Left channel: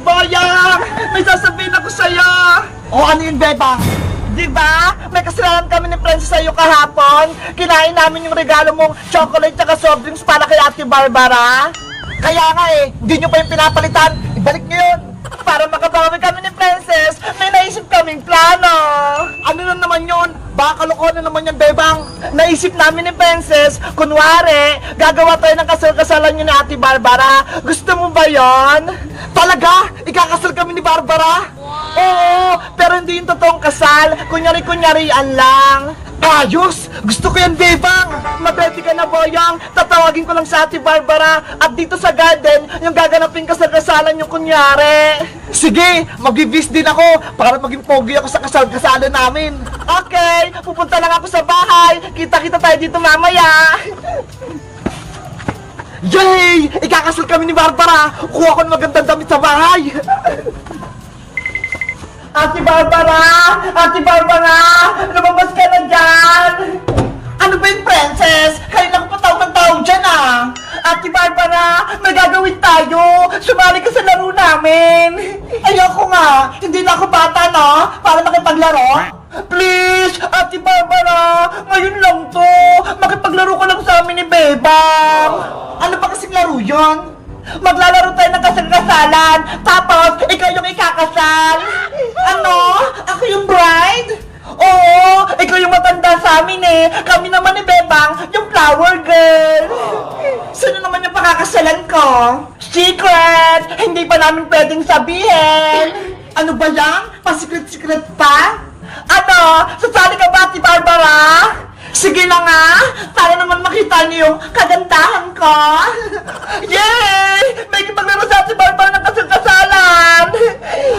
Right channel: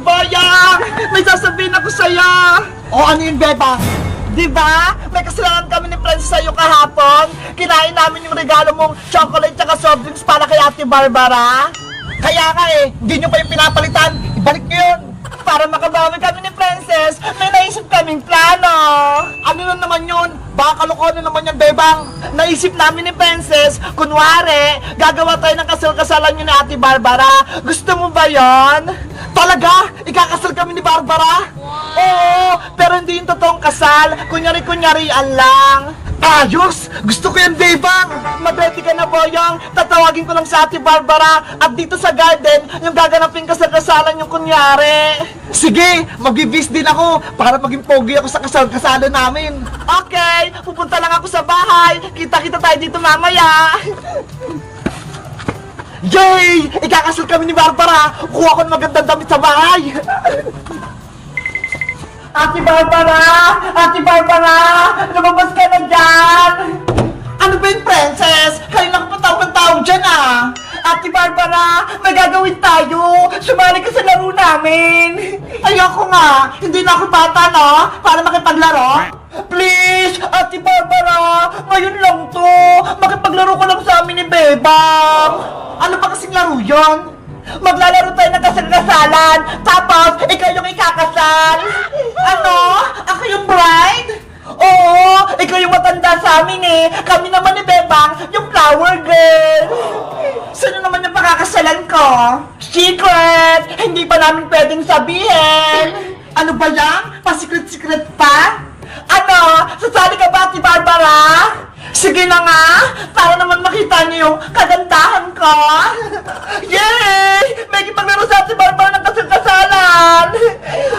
Boyang! May sasabihin ako sa'yo! O ano yun, Bebang? Diba? May kasalanan kami ni Francis sa'yo kahapon. Kinain namin yung regalo mong chocolate tsaka soft drinks para kay Ate Barbara. Kaya nga hindi nyo pa yung pinapalitan. Ibalik nyo yun. Para makabawi kami ni Princess, may naisip kaming plano. Ano na naman yun? Baka kalokohan na naman yan, Bebang. Naisip namin ni Princess, kunwari, gagawa tayo ng kasal-kasalan nyo ni Ate Barbara. Gusto mo ba yon? Talaga? Ikakasal kami ni Barbara? Oo, pero hindi yung totoong kasal. Kunyari-kunyarian lang. Ayos! Gusto ko yan, Bebang! Mag-ready ka na, Boyang. Tatawagin ko lang sa Ate Barbara. At dito sa garden, yung gaganapin kasal-kasalan yung kunyari. Sige, mag-gigs din ako para maging pogi ako sa kasal-kasalan namin. Okay, pupunta lang ako sa bahay. Kita-kita tayo dito mamaya. Yay! Ikakasal kami ni Barbara! Kuha ko ng magandang damit sa bahay! Ate Barbara! Ate Barbara! Lumabas ka na dyan! Ano ba yung Princess? Kanina ko pa tawag dyan Ate Barbara, may gagawin tayo! Sumali ka sa laro namin! Ayoko nga! Hindi na ako bata para makipaglaro! Please! Ate Barbara! Ngayon lang to! Makipaglaro ka lang sa amin ni Bebang! Ano ba kasing laro yun? Maglalaro tayo ng kasal-kasalan! Tapos, ikaw yung ikakasal! Ano? Ako yung bride? Oo! Ikaw yung matanda sa amin Kami naman ni Bebang, yung flower girl! Sino naman yung pakakasalan ko? Secret! Hindi pa namin pwedeng sabihin! Ano ba lang? Pa-secret-secret pa? Ano? Sasali ka ba, Ate Barbara? Sige na nga! Para naman makita niyo yung kagandahan ko! Yay! May kipaglaro sa Ate Barbara ng kasal-kasalan!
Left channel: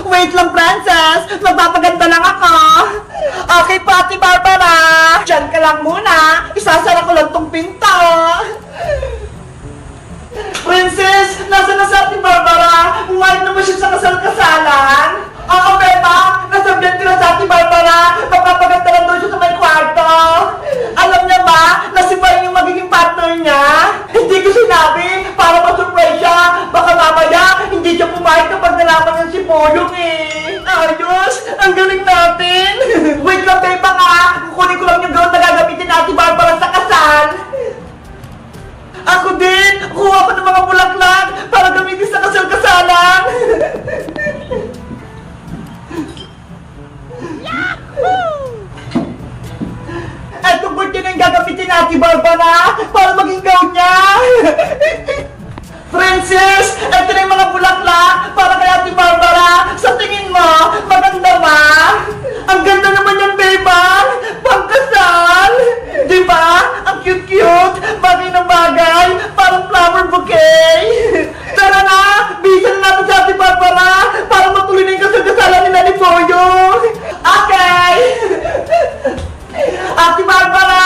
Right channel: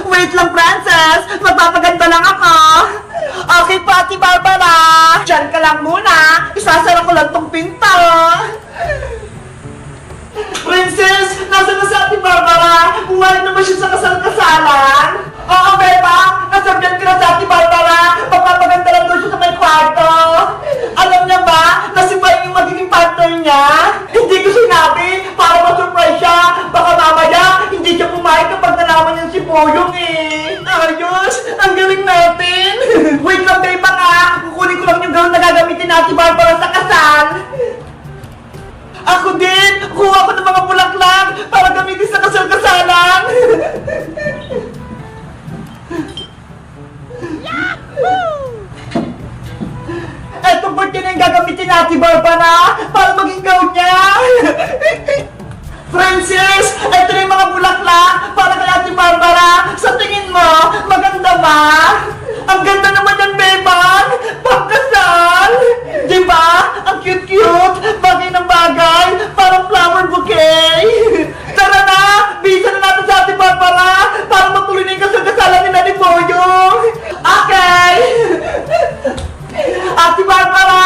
Wait lang, Princess! Magpapaganda lang ako! Okay po, Ate Barbara! Diyan ka lang muna! Isasara ko lang tong pinto! Princess! Nasaan na sa Ate Barbara? Umalit naman siya sa kasal-kasalan! Oo, Beba! Nasabihan ko na sa Ate Barbara! Magpapaganda lang doon siya sa may kwarto! Alam niya ba na si May yung magiging partner niya? Hindi ko sinabi para ma-surprise siya! Baka mamaya hindi siya pumayag kapag nalaman niya si Boyong Ayos! Ang galing natin! Wait lang, Beba kukunin ko lang yung gown na gagamitin na Ate Barbara sa kasal! Ako din! Kuha ko ng mga bulaklak para gamitin sa kasal-kasalan! Etong birthday na yung gagamitin na Ate Barbara para maging gown niya! Princess! Eto na yung mga bulaklak para kay Ate Barbara! Sa tingin mo, maganda ba? Ang ganda naman yan, Bebang! Pangkasal! Diba? Ang cute-cute! Bagay ng bagay! Parang flower bouquet! Tara na! Bisa na natin sa Ate Barbara para matuloy na yung kasal-kasalan nila ni Boyong! Okay! Ate Barbara!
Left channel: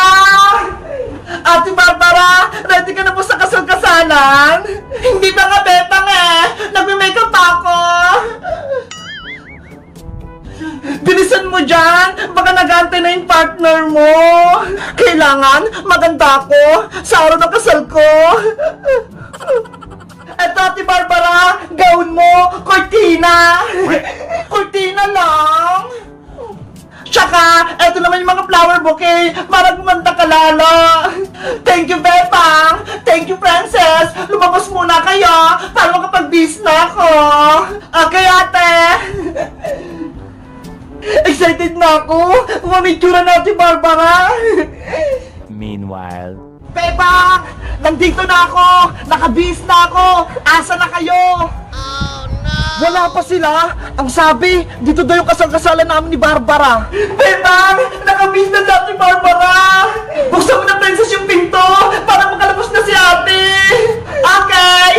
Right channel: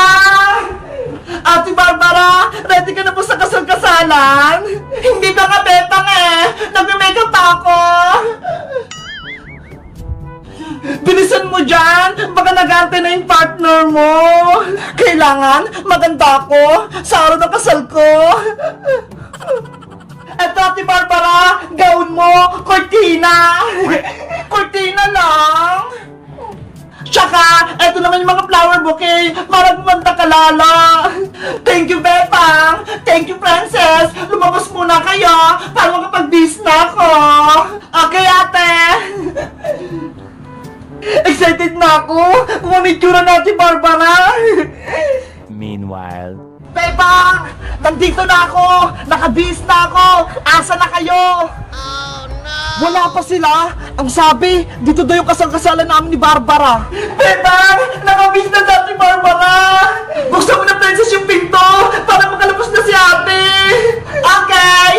Ate Barbara! Ready ka na po sa kasal-kasalan? Hindi pa nga, Bebang Nagme-makeup pa ako! Bilisan mo dyan! Baka nag-aantay na yung partner mo! Kailangan maganda ako sa araw ng kasal ko! Eto, Ate Barbara! Gown mo! Cortina! Cortina lang! Tsaka, eto naman yung mga flower bouquet para gumanda ka lala. Thank you, Bebang. Thank you, Princess. Lumabas muna kayo para makapag-bis na ako. Okay, ate. Excited na ako. Kung ano yung tsura natin, Barbara. Meanwhile, Bebang! Nandito na ako! Nakabis na ako! Asa na kayo? Oh, no! Wala pa sila! Ang sabi, dito daw yung kasal-kasalan namin ni Barbara! Bebang! Nakabis na si Barbara! Buksan mo na, Princess, yung pinto para makalabas na si ate! Okay!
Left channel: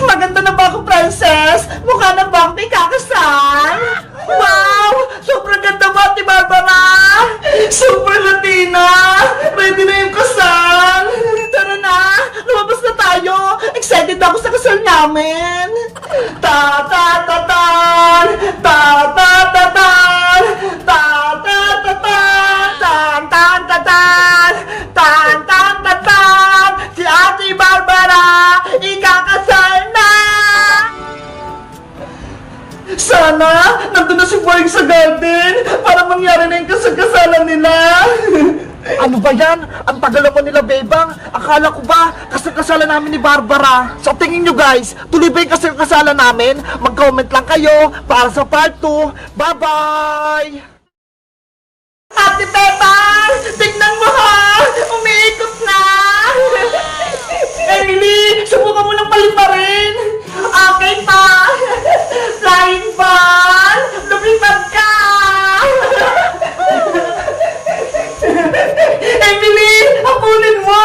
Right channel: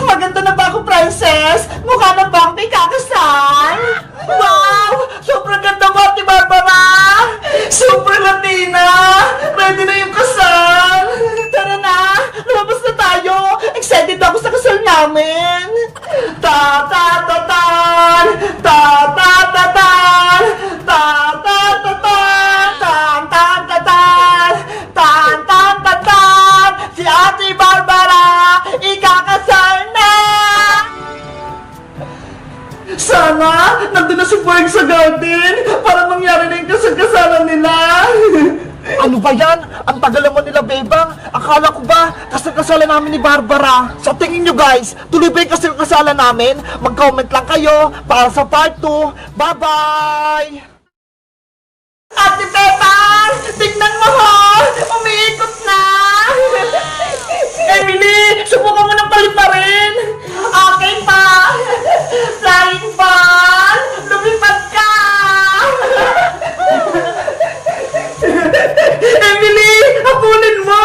Maganda na ba ako, Princess? Mukha na ba akong may kakasal? Wow! Sobrang ganda ba, Ate Barbara? Super Latina! Ready na yung kasal! Tara na! Lumabas na tayo! Excited ako sa kasal namin! Ta-ta-ta-tan! Ta-ta-ta-tan! Ta-ta-ta-tan! Tan-tan-ta-tan! Tan-tan-ta-tan! Si Ate Barbara ikakasal na! Sana, nandun na si Boying sa garden para mangyari na yung kasal-kasalan nila. Ano ba yan? Ang tagal naman nila, Bebang. Akala ko ba kasal-kasalan namin ni Barbara? Sa tingin nyo guys, tuloy ba yung kasal-kasalan namin? Mag-comment lang kayo para sa part 2. Bye-bye! Ate Bebang! Tignan mo ha! Umiikot na! Emily! Subukan mo ng paliparin! Okay pa! Flying ball! Lumipad ka! Emily! Habulin mo!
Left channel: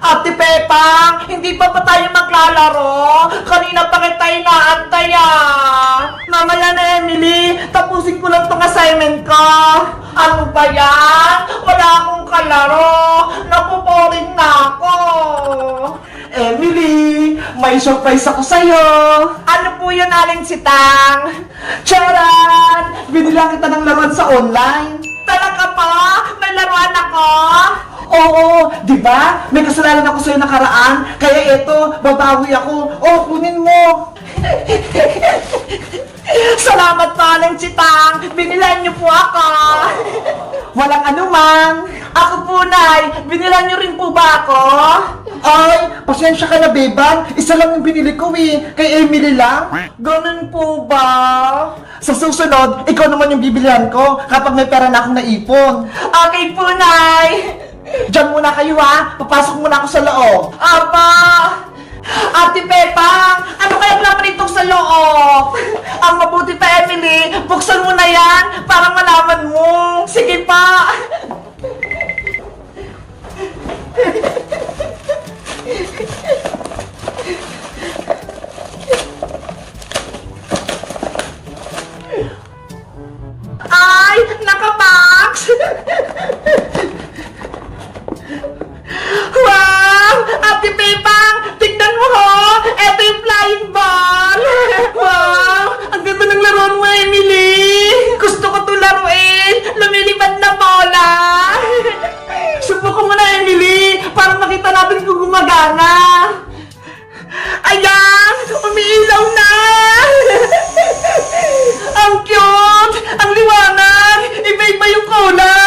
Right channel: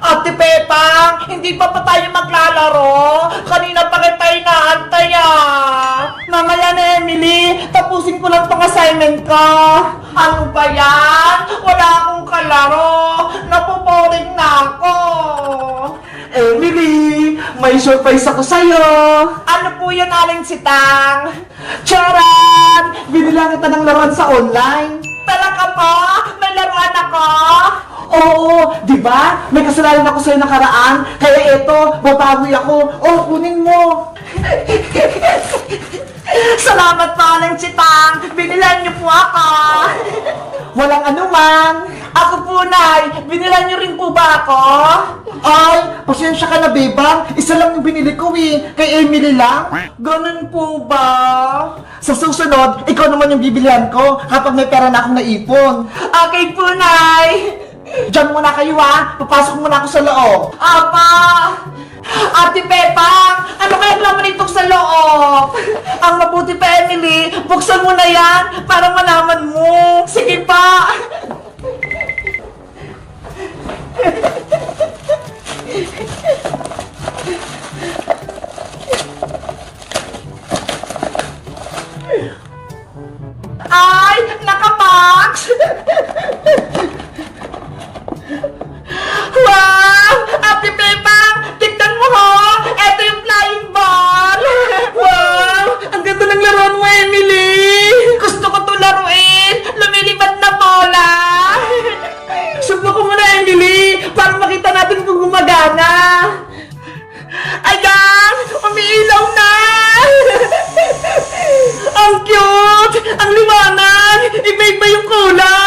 Ate Pepang, hindi pa ba tayo maglalaro? Kanina pa kita inaantay ah. Mamaya na Emily, tapusin ko lang tong assignment ko. Ano ba yan? Wala akong kalaro. Napuporing na ako. Emily, may surprise ako sa'yo. Ano po yun, Aling Sitang? Charan! Binilang kita ng laruan sa online. Talaga po? May laruan ako? Oo, di ba? May kasalanan ako sa'yo nakaraan, kaya eto, babawi ako. Oh, kunin mo. Salamat po, Aling Sitang. Binilan niyo po ako. Walang anuman. Ako po, Nay. Binilan niyo rin po ba ako? Ay, pasensya ka na, Bebang. Isa lang yung binili ko eh. Kay Emily lang. Ganun po ba? Sa susunod, ikaw naman yung bibilihan ko kapag may pera na akong naipon. Okay po, Nay. Diyan muna kayo ha. Papasok muna ako sa loob. Apa! Ate Pepang, ano kaya naman itong sa loob? Ang mabuti pa, Emily, buksan mo na yan para malaman mo. Sige pa. Ay, naka-max! Wow! Ate Pepang, tignan mo ho! Ito yung flying ball! Wow! Ang ganda ng laruan mo, Emily! Gusto ko ito laruin! Lumilipad na bola! Subukan mo na, Emily! Para makita natin kung gumagana! Ayan! Umiilaw na! Ang cute! Ang liwanag! Iba-iba yung kulay!